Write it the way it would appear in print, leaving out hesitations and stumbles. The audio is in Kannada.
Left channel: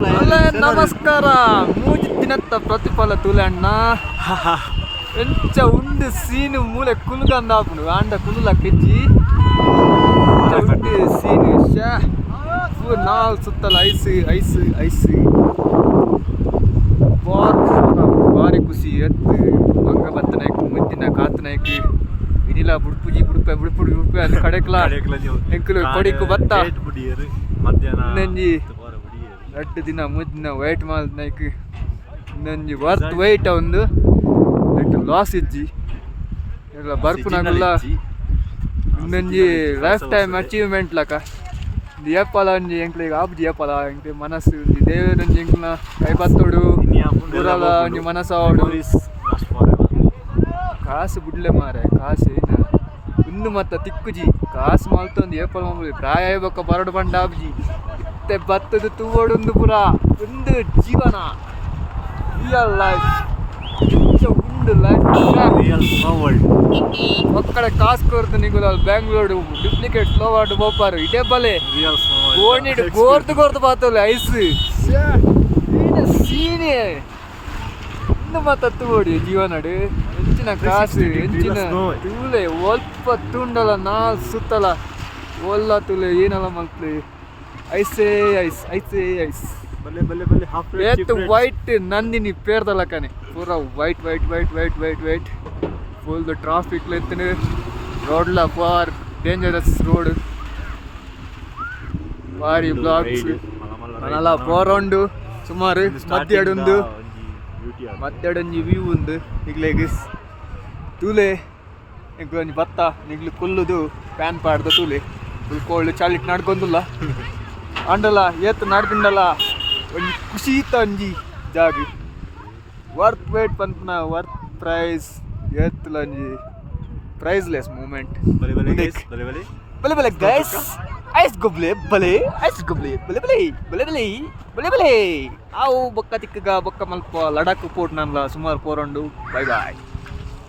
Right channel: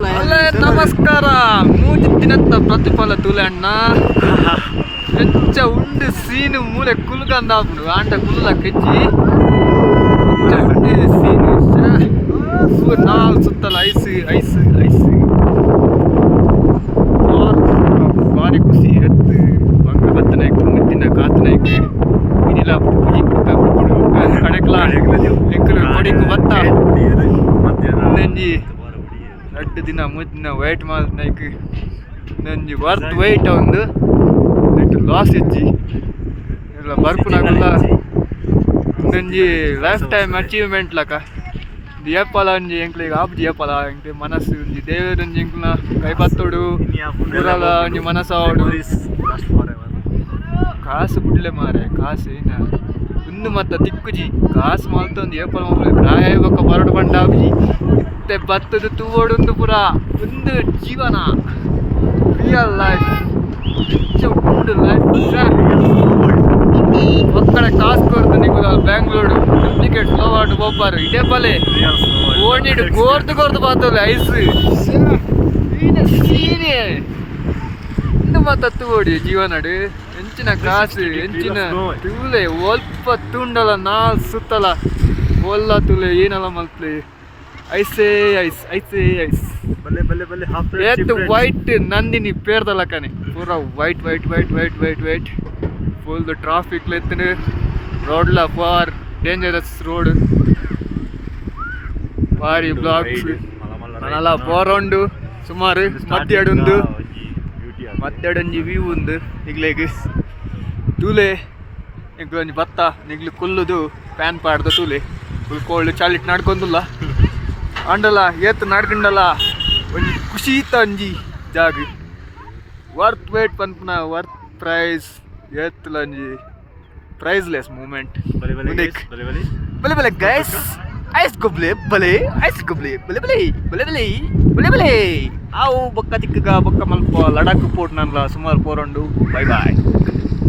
ಅಲ್ಲೇ ನಮಸ್ಕಾರ ಮೂಜಿ ದಿನತ್ತ ಪ್ರತಿಫಲ ತುಲಣ್ಣ ಹೆಚ್ಚ ಉಂಡು ಸೀನು ಮೂಲೆ ಕುಲ್ಕಂದಾಪುಡು ಆಂಡ ಕುಲ್ಲ ಕೆಚ್ಚಿ ಸೀನು ನಾಲ್ ಸುತ್ತಲ ಐಸ್ ಐಸ್ ಐಸ್ ಭಾರಿ ಖುಷಿ ಎತ್ತು ಮಂಗ ಬತ್ತನಾಯ್ಕು ಮುದ್ದಿನ ಕಾತನಾಯ್ಕು ಇನಿಲ್ಲ ಪುಡಿ ಕುಡ್ಕ ಪುಡಿ ಕಡೆಕ್ಲ ಎಂಕಲು ಕೊಡಿಕು ಬತ್ತ ನಂಜಿ 2 ದಿನ 3 ದಿನ ವೇಟ್ ಮಾಡ್ನೈಕ್ ನಂಜಿ ವರ್ತ್ ವೇಟ್ ಒಂದು ನೆಟ್ ಲಾಸ್ ಇಜ್ಜಿ ಎಲ್ಲ ಬರ್ಪುನಾಗಲ್ಲ ನಂಜಿ ಲೈಫ್ ಟೈಮ್ ಅಚೀವ್ಮೆಂಟ್ ಲಕ ಏಪಲ ಒಂಜಿ ಎಂಕ್ಲಿಗೆ ಆಪ್ಜಿ ಏಪಲ ಎಂಕ್ಲೆ ಮನಸ್ಸು ಒಂಜಿ ದೇವರೊಂಜಿ ಎಂಕ್ಲ ಕೈಪತ್ತೋಡು ಪುರಲ ಒಂಜಿ ಮನಸ್ಸಾವಡು ಕಾಸು ಬುಡ್ಲೆ ಮಾರೆ ಕಾಸು ಏನ ಒಂದು ಮತ್ತ ತಿಕ್ಕುಜಿ ಕಾಸು ಮಲ್ತೊಂದು ಏಪಲ ಮಕ್ಕಳು ಪ್ರಾಯ ಬೊಕ್ಕ ಬರಡು ಬಂಡಾಬ್ಜಿ ಮತ್ತೆ ಬತ್ತದ ತೂವೊಂದು ಪುರ ಒಂದು ಜೀವನ ರಿಯಲ್ ಲೈಫ್ ಉಂಡು ಲೈಫ್ ಒಕ್ಕಡೆ ಕಾಸು ಕೊಡ್ತು ನಿಂಗೆ ಬ್ಯಾಂಗ್ಳೂರು ಡೂಪ್ಲಿಕೇಟ್ ಸ್ಲೋ ಆಡು ಬೊಬ್ಬಾರು ಇದೇ ಬಲೆ ಓಣಿಡು ಗೋರ್ದು ಗೋರ್ದು ಬಾತಲ್ಲ ಐಸ್ ಸೀನೆ ಒಂದು ಮತ್ತ ತೂವಡಿ ಜೀವನಡು ಹೆಂಚಿನ ಕಾಸು ಹೆಂಚಿನ ತೂಲೆ ಒಲ್ಪ ತುಂಡಲ ನಾಲ್ ಸುತ್ತಲ ಒಲ್ಲ ತುಲೆ ಏನೆಲ್ಲ ಮಲ್ತ್ಲೆ ಐಸೇ ಐಸ್ ಐಸೇ ಐಸ್ ಬಲ್ಲೆ ಬಲ್ಲೆ ಬಲ್ಲೆ ಹಾಫ್ ಏತ್ ವೈಟ್ ನಂದಿನಿ ಪೇರ್ದಲ್ಲ ಕನೆ ಪೂರ white white white white white white full traffic ಲೆತ್ತನೆ ರೋಡ್ಲ ಫಾರ್ ಡೇಂಜರಸ್ ರೋಡ್ ಭಾರಿ ಬ್ಲಾಕ್ಸ್ ಮನಲ ಫೋರೌಂಡು ಸುಮಾರು ಮತ್ತೆರಡೊಂದು ಮತ್ತೆರಡೊಂಜಿ ವ್ಯೂ ಉಂದು ಈಗ್ಲೇಗೆ ತೂಲೆ ಎಂಕ್ ಒಂಜಿ ಬತ್ತ ನಿಗ್ಲು ಕುಲ್ಲುದು ಪ್ಯಾನ್ ಪಾಡ್ದು ತೂಲೆ ಫುಲ್ ಕೋಲ್ಡ್ ಚಾಲಿಟ್ ನಡ್ಕೊಂದುಲ್ಲ ಅಂಡಲ ಏತ್ ನಡ್ಕೊಂಡಲ್ಲ ಒಂಜಿ ಖುಷಿ ಇತ್ತ ಒಂಜಿ ಜಾಗ ವರ್ತ್ ವೇಟ್ ಪನ್ಪುನ ವರ್ತ್ ಪ್ರೈಸ್ ಏತ್ಲ ಒಂಜಿ ಪ್ರೈಸ್ಲೆಸ್ ಮೂಮೆಂಟ್ ಬಲೆ ಬಲೆ ಗೈಸ್ ಐಸ್ ಗೊಬ್ಲೆ ಬಲೆ ಐಸ್ ಗೊಬ್ಲೆ ಬಲೆ ಬಲೆ ಬಲೆ ಬಲೆ ಬಲೆ ಬಲೆ ಆವು ಬೊಕ್ಕ ತಿಕ್ಕಗ ಬೊಕ್ಕ ಮಲ್ಪ ಲಡಾಖ್ ಪೋರ್ಟ್ ನನ್ಲ ಸುಮಾರು ಪೋರಂಡು ಬೈ ಬಾಯ್.